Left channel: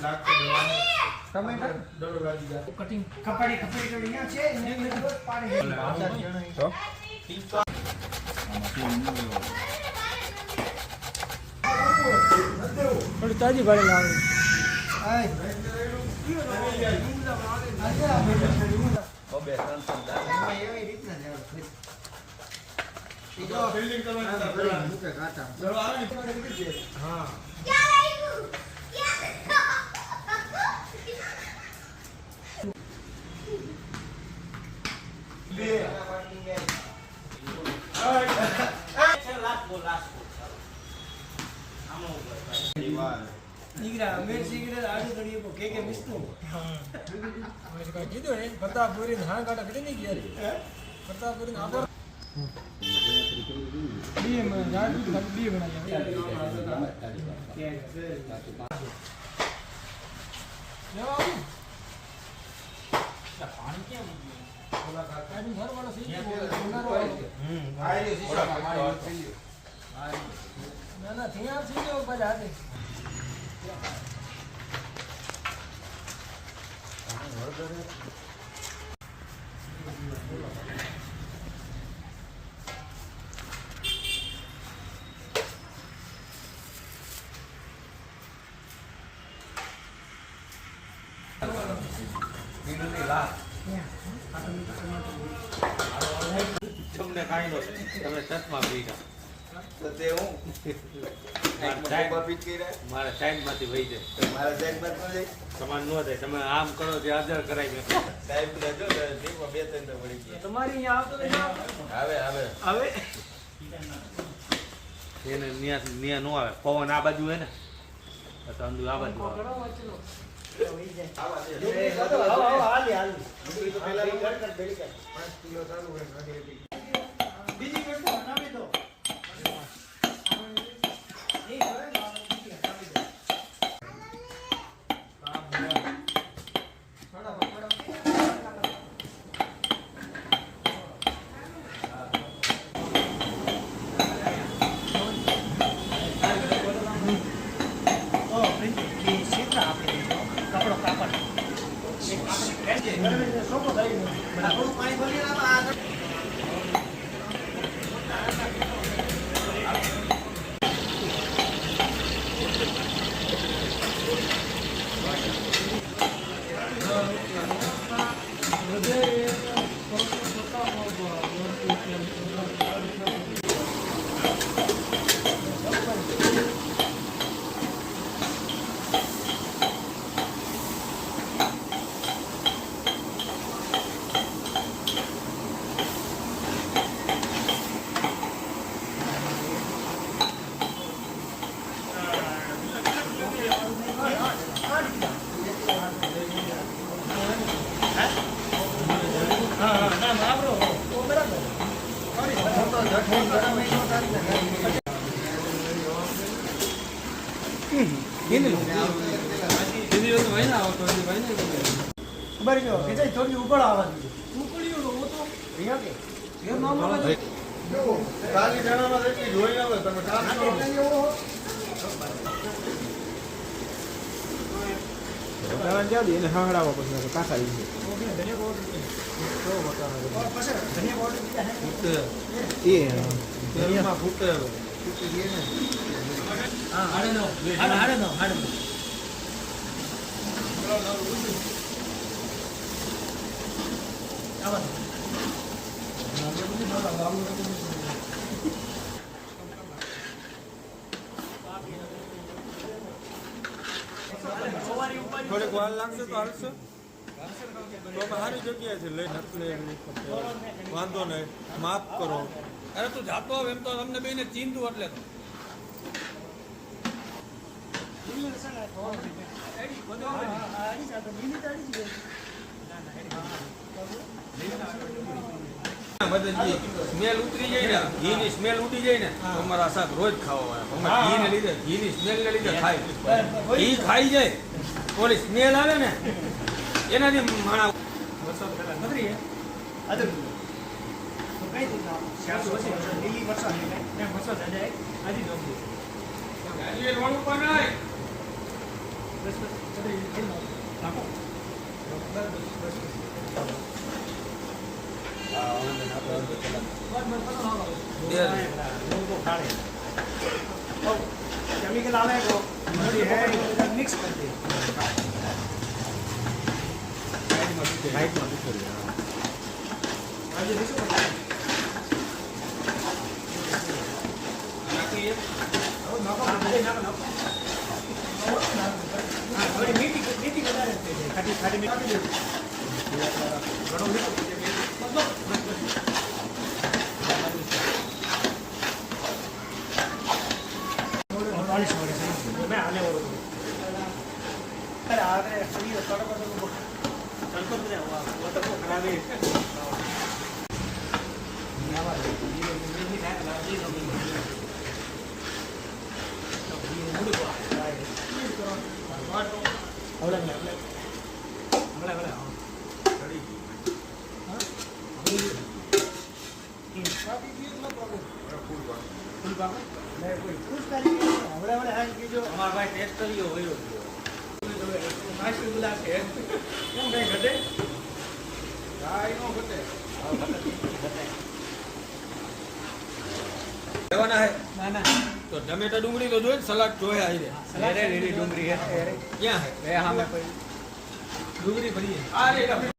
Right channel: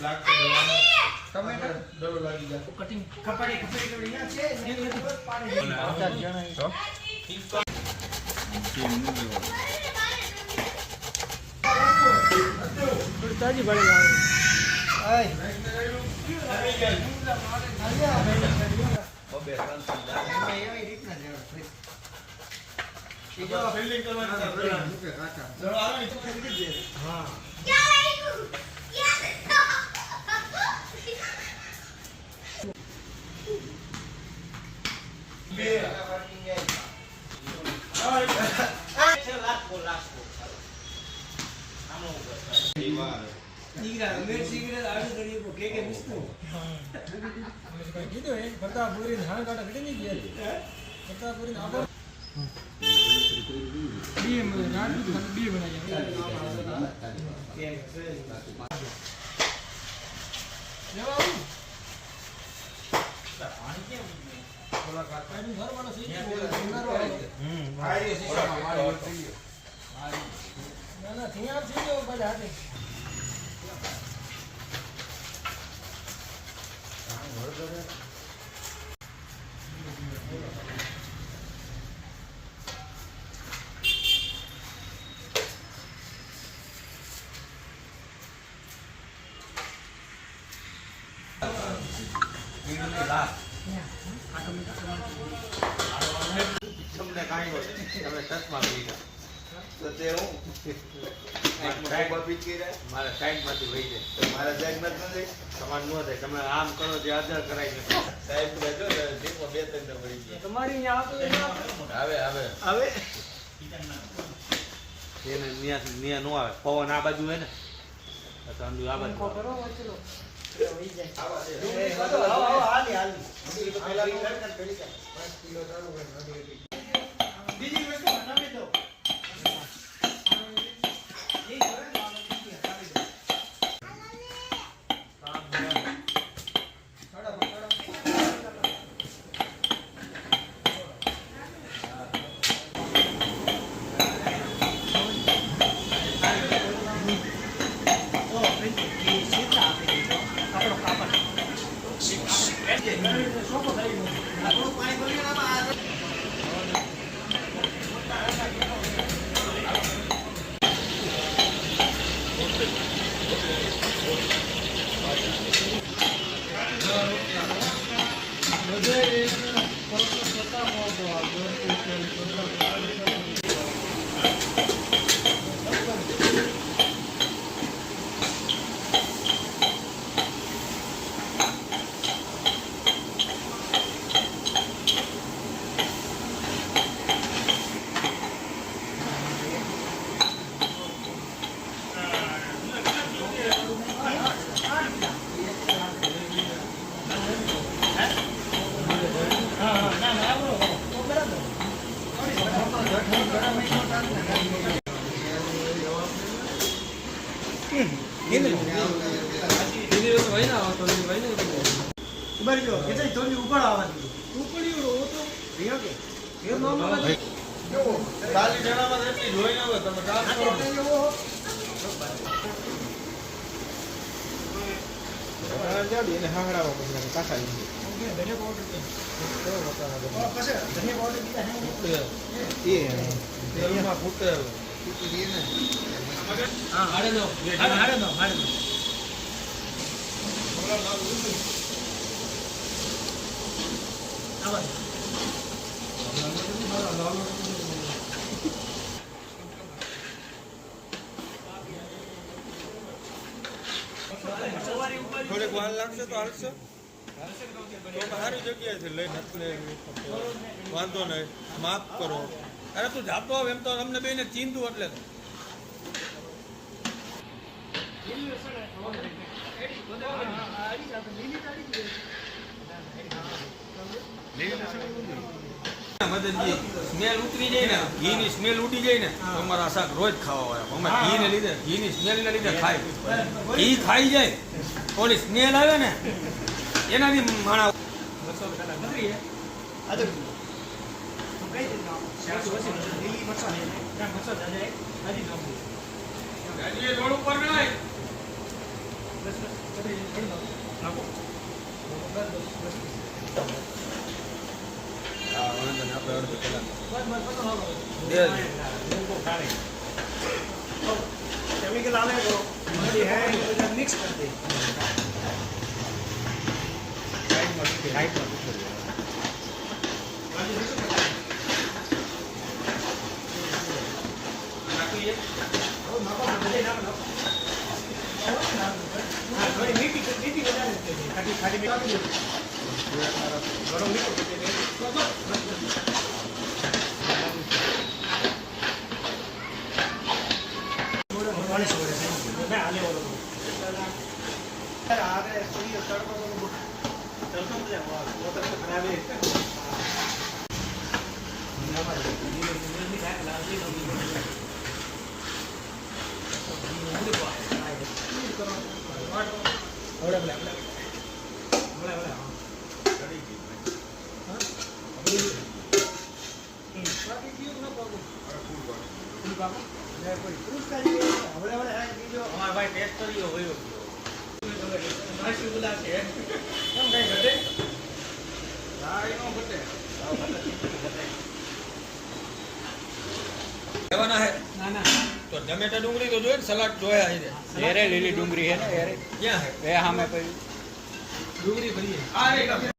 લાગતો ટમેટર દડો લાગી જાય કટિંગ કપાડી કપાડી અહીંયા છે ને પાણી તો થોડી તાજી ભાડે લાવે બબે સંસંદા એવી રીતના ઈજો ફિલ્ડિંગ કરવાની મુકે કાટા દડો આવે ને હા ચશ્મા તો તે હું મારા ટાઈમ નથી વહી જાય મારા ટાઈમ નથી તમારે ન થાય તમે આમ કરો જે આદર કરાય સાહેબ રહેજો બે ત્રણ પડી તમારી આવે આવે આવે એને નિયા નો આવે પવન આ બાજુ હે ને તો અંદુ આ બાજુ બીજી વસ્તુ બનાવી દો થોડીક વાર લાગશે તો હટશે સારી જગ્યાએ છે વાંધો નહીં માફ કરો અરે તું જાતો હવે એમ તો અમને બેને ચીંધું એટલે સ્મેલ ઉતરી જાય ને ઘીની સ્મેલ ઉડી જાય ને અમારા શાક રોજ ખાવા ઘીને લીધે ઘીની સ્મેલ ને લીધે ખાય ઘી ખાઈ જાય થોડી સ્મેલ આવે ને એનાથી માણા केमिकल आने को है मिक्स कर दे લેવાના હે ना ना તો ટમેટો ડુંગળી તો જોઈએ સલાડ જોયા હે रे लीली डूंगरी है ક્યાં હે ये हमें कोई ડુંગળી ભરીએ આ રે